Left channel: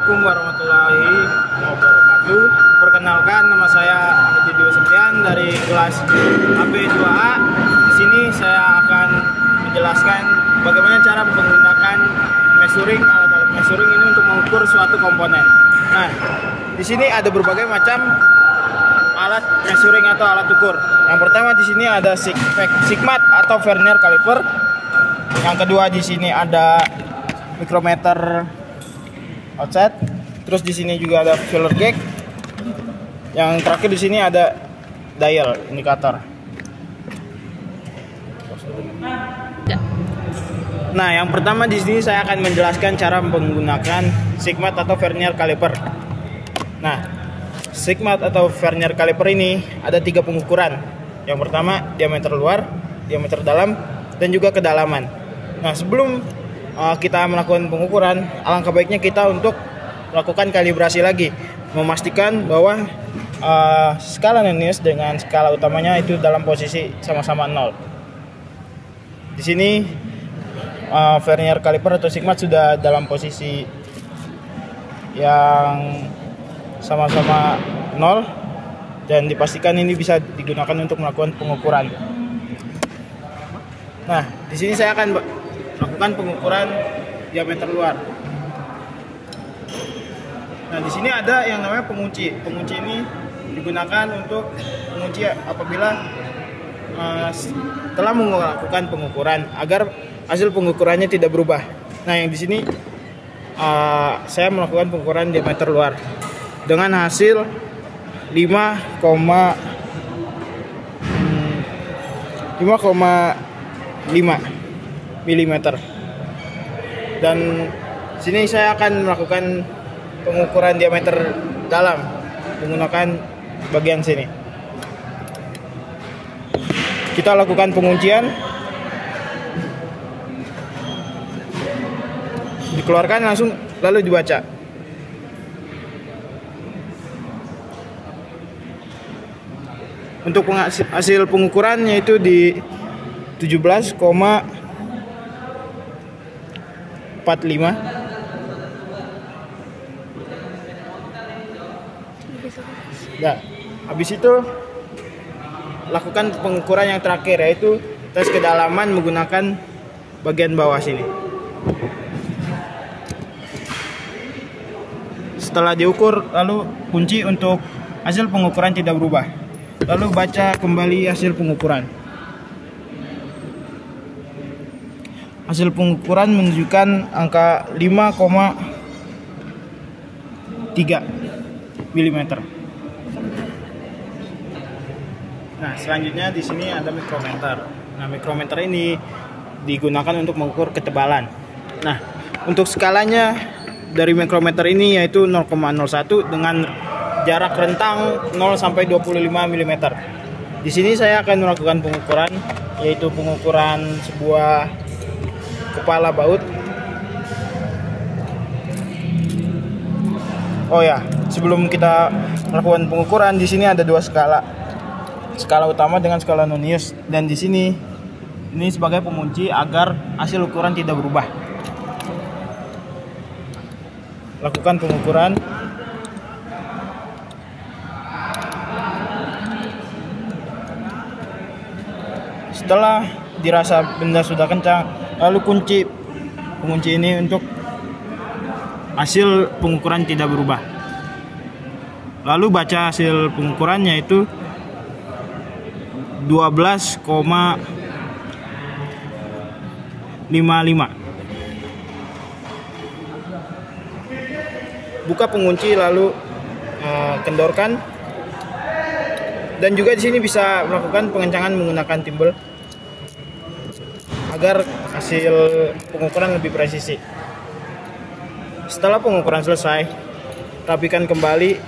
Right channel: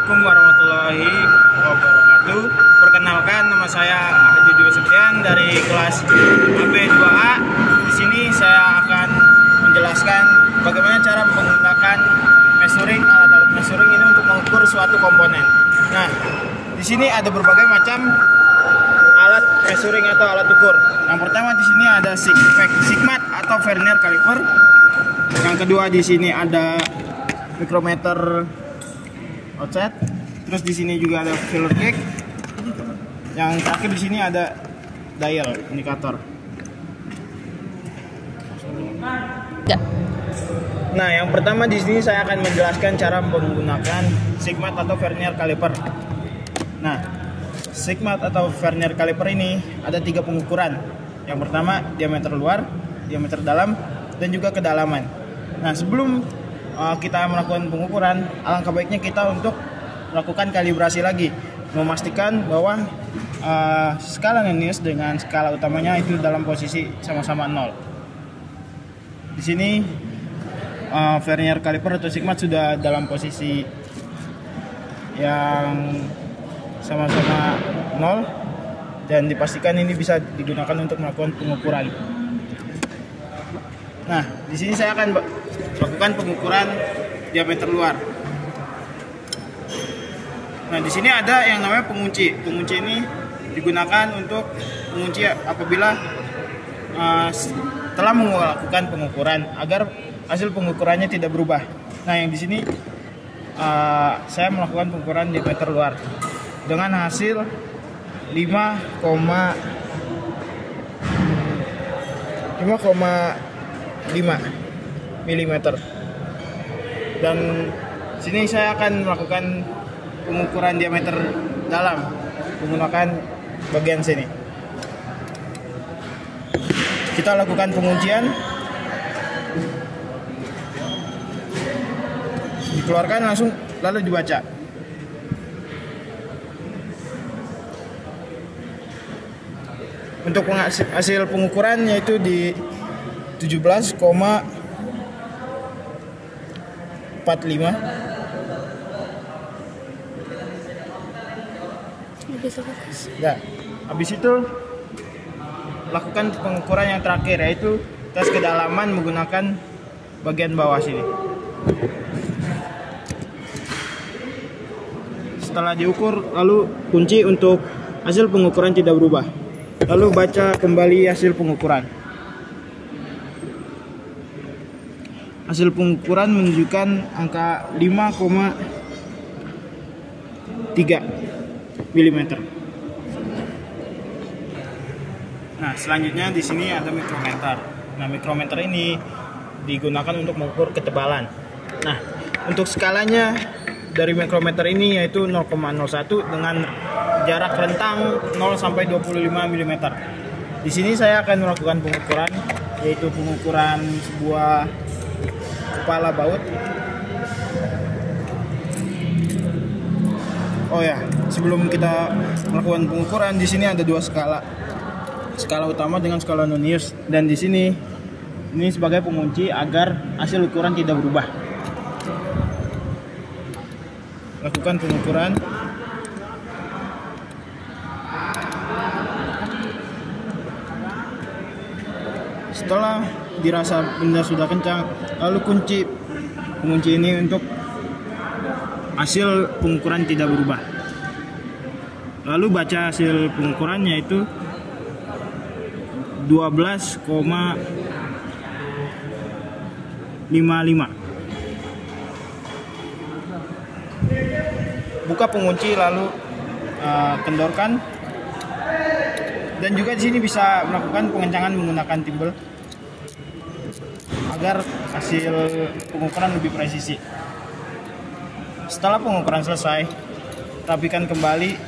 Assalamualaikum warahmatullahi wabarakatuh. Perkenalkan, nama saya Haji Dwi Sekian dari kelas AB2A. Di sini saya akan menjelaskan bagaimana cara menggunakan measuring, alat-alat measuring ini untuk mengukur suatu komponen. Nah, di sini ada berbagai macam alat measuring atau alat ukur. Yang pertama di sini ada sigmat atau vernier caliper. Yang kedua di sini ada micrometer offset. Terus di sini juga ada feeler gauge. Yang terakhir di sini ada dial indikator. Nah, yang pertama di sini saya akan menjelaskan cara menggunakan sigmat atau vernier caliper. Nah, sigmat atau vernier caliper ini ada 3 pengukuran. Yang pertama diameter luar, diameter dalam, dan juga kedalaman. Nah, sebelum kita melakukan pengukuran, alangkah baiknya kita untuk melakukan kalibrasi lagi, memastikan bahwa skala Nennius dengan skala utamanya itu dalam posisi sama-sama 0. Di sini vernier caliper atau sigmat sudah dalam posisi yang sama-sama 0 dan dipastikan ini bisa digunakan untuk melakukan pengukuran. Nah, di sini saya akan melakukan pengukuran diameter luar. Nah, di sini ada yang namanya pengunci. Pengunci ini digunakan untuk mengunci apabila telah melakukan pengukuran agar hasil pengukurannya tidak berubah. Nah, yang di sini saya melakukan pengukuran diameter luar dengan hasil 5,5 mm. Dan sini saya akan melakukan pengukuran diameter dalam menggunakan bagian sini. Kita lakukan penguncian. Dikeluarkan langsung lalu dibaca. Untuk hasil pengukuran yaitu di 17,45. Nah, habis itu lakukan pengukuran yang terakhir yaitu tes kedalaman menggunakan bagian bawah sini. Setelah diukur, lalu kunci untuk hasil pengukuran tidak berubah. Lalu baca kembali hasil pengukuran. Hasil pengukuran menunjukkan angka 5,3 mm. Nah, selanjutnya di sini ada mikrometer. Nah, mikrometer ini digunakan untuk mengukur ketebalan. Nah, untuk skalanya dari mikrometer ini yaitu 0,01 dengan jarak rentang 0 sampai 25 mm. Di sini saya akan melakukan pengukuran yaitu pengukuran sebuah kepala baut. Oh ya, sebelum kita melakukan pengukuran di sini ada 2 skala. Skala utama dengan skala Nennius, dan di sini ini sebagai pengunci agar hasil ukuran tidak berubah. Lakukan pengukuran. Setelah dirasa benda sudah kencang, lalu kunci pengunci ini untuk hasil pengukuran tidak berubah. Lalu baca hasil pengukurannya yaitu 12,55. Buka pengunci lalu kendorkan. Dan juga di sini bisa melakukan pengencangan menggunakan timbel agar hasil pengukuran lebih presisi. Setelah pengukuran selesai, rapikan kembali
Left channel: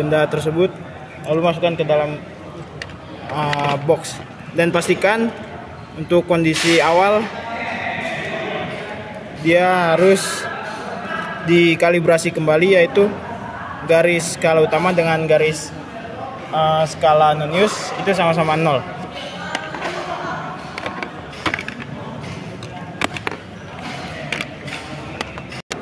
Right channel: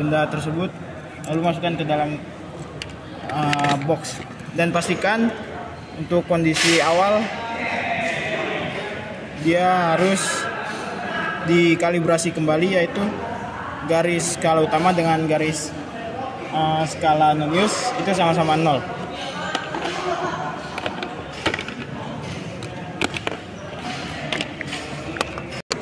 benda tersebut lalu masukkan ke dalam box dan pastikan untuk kondisi awal dia harus dikalibrasi kembali yaitu garis skala utama dengan garis skala Nennius itu sama-sama 0.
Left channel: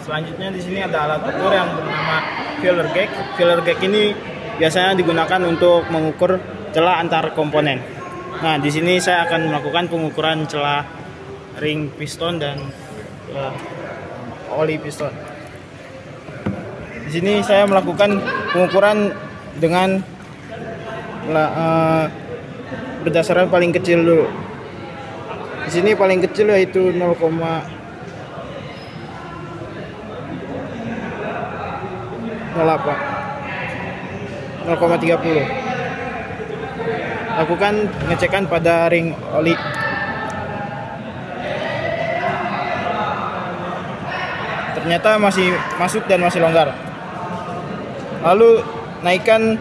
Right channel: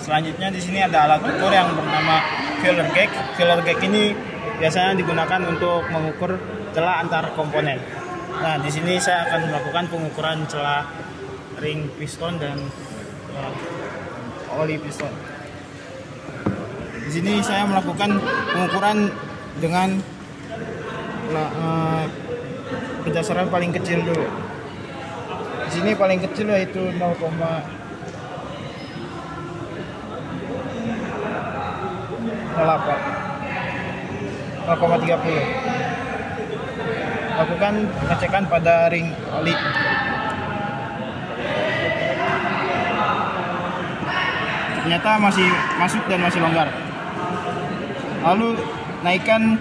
selanjutnya di sini ada alat ukur yang bernama filler gauge. Filler gauge ini biasanya digunakan untuk mengukur celah antar komponen. Nah, di sini saya akan melakukan pengukuran celah ring piston dan oli piston. Di sini saya melakukan pengukuran dengan berdasarkan paling kecil dulu. Di sini paling kecil yaitu 0,30. Lakukan pengecekan pada ring oli. Ternyata masih masuk dan masih longgar. Lalu naikkan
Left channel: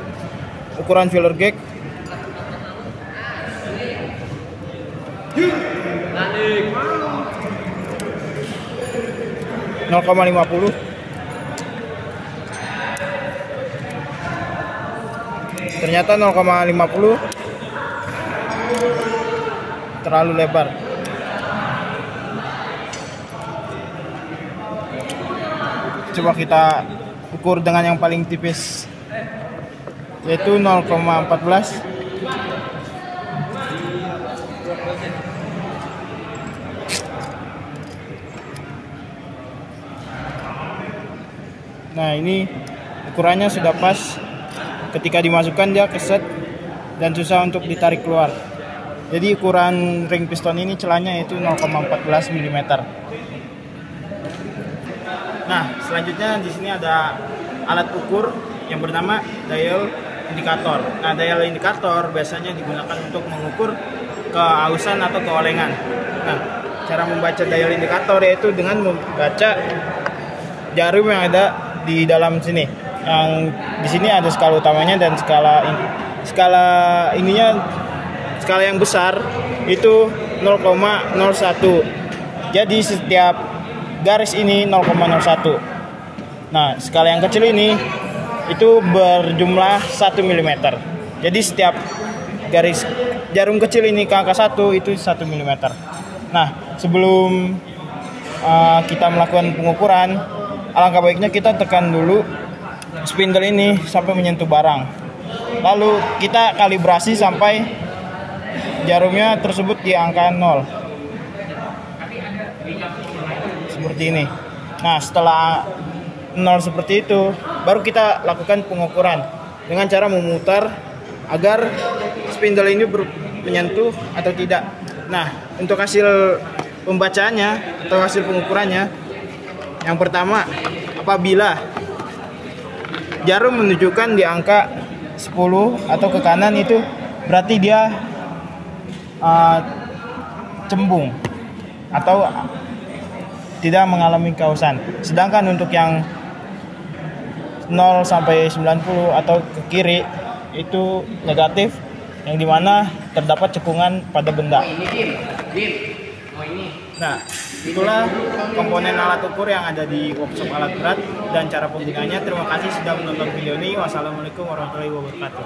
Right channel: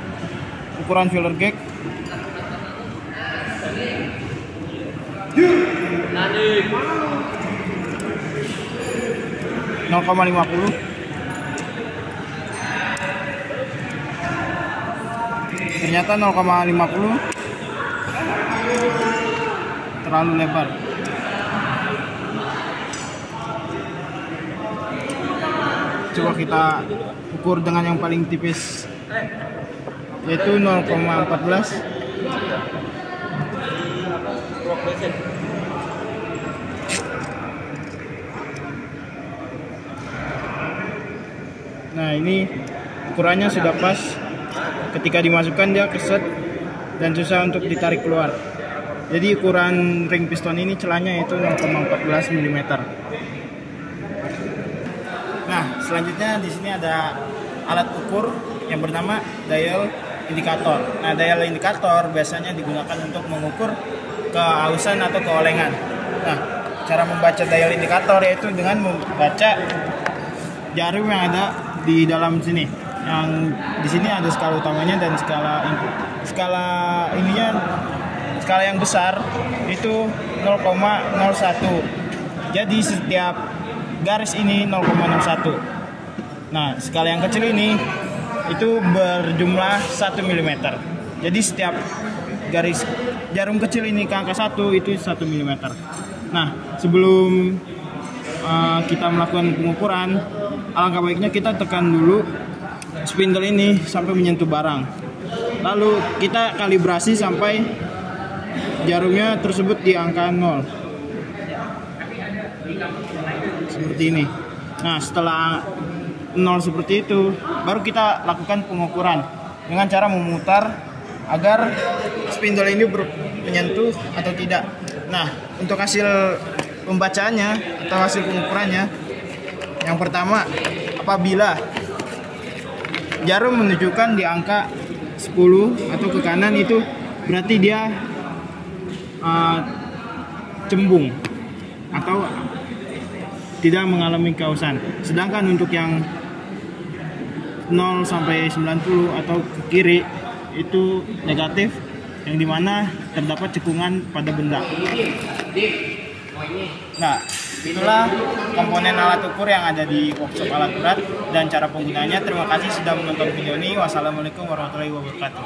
ukuran filler gauge. Naik 0,50. Ternyata 0,50 terlalu lebar. Coba kita ukur dengan yang paling tipis, yaitu 0,14. Nah, ini ukurannya sudah pas. Ketika dimasukkan dia keset dan susah untuk ditarik keluar. Jadi ukuran ring piston ini celahnya itu 0,14 mm. Nah, selanjutnya di sini ada alat ukur yang bernama dial indikator. Nah, dial indikator biasanya digunakan untuk mengukur keausan atau keolengan. Nah, cara membaca dial indikator yaitu dengan membaca jarum yang ada di dalam sini. Yang di sini ada skala utamanya dan skala yang besar itu 0,01. Jadi setiap garis ini 0,01. Nah, skala yang kecil ini itu berjumlah 1 mm. Jadi setiap garis jarum kecil ini ke angka 1 itu 1 mm. Nah, sebelum kita melakukan pengukuran, alangkah baiknya kita tekan dulu spindle ini sampai menyentuh barang. Lalu kita kalibrasi sampai jarumnya tersebut di angka 0. Seperti ini. Nah, setelah 0 seperti itu, baru kita lakukan pengukuran dengan cara memutar agar spindle ini menyentuh atau tidak. Nah, untuk hasil pembacaannya atau hasil pengukurannya, yang pertama, apabila jarum menunjukkan di angka 10 atau ke kanan, itu berarti dia cembung atau tidak mengalami keausan. Sedangkan untuk yang 0 sampai 90 atau ke kiri itu negatif, yang dimana terdapat cekungan pada benda. Nah, itulah komponen alat ukur yang ada di workshop alat berat dan cara penggunaannya. Terima kasih sudah menonton video ini. Wassalamualaikum warahmatullahi wabarakatuh.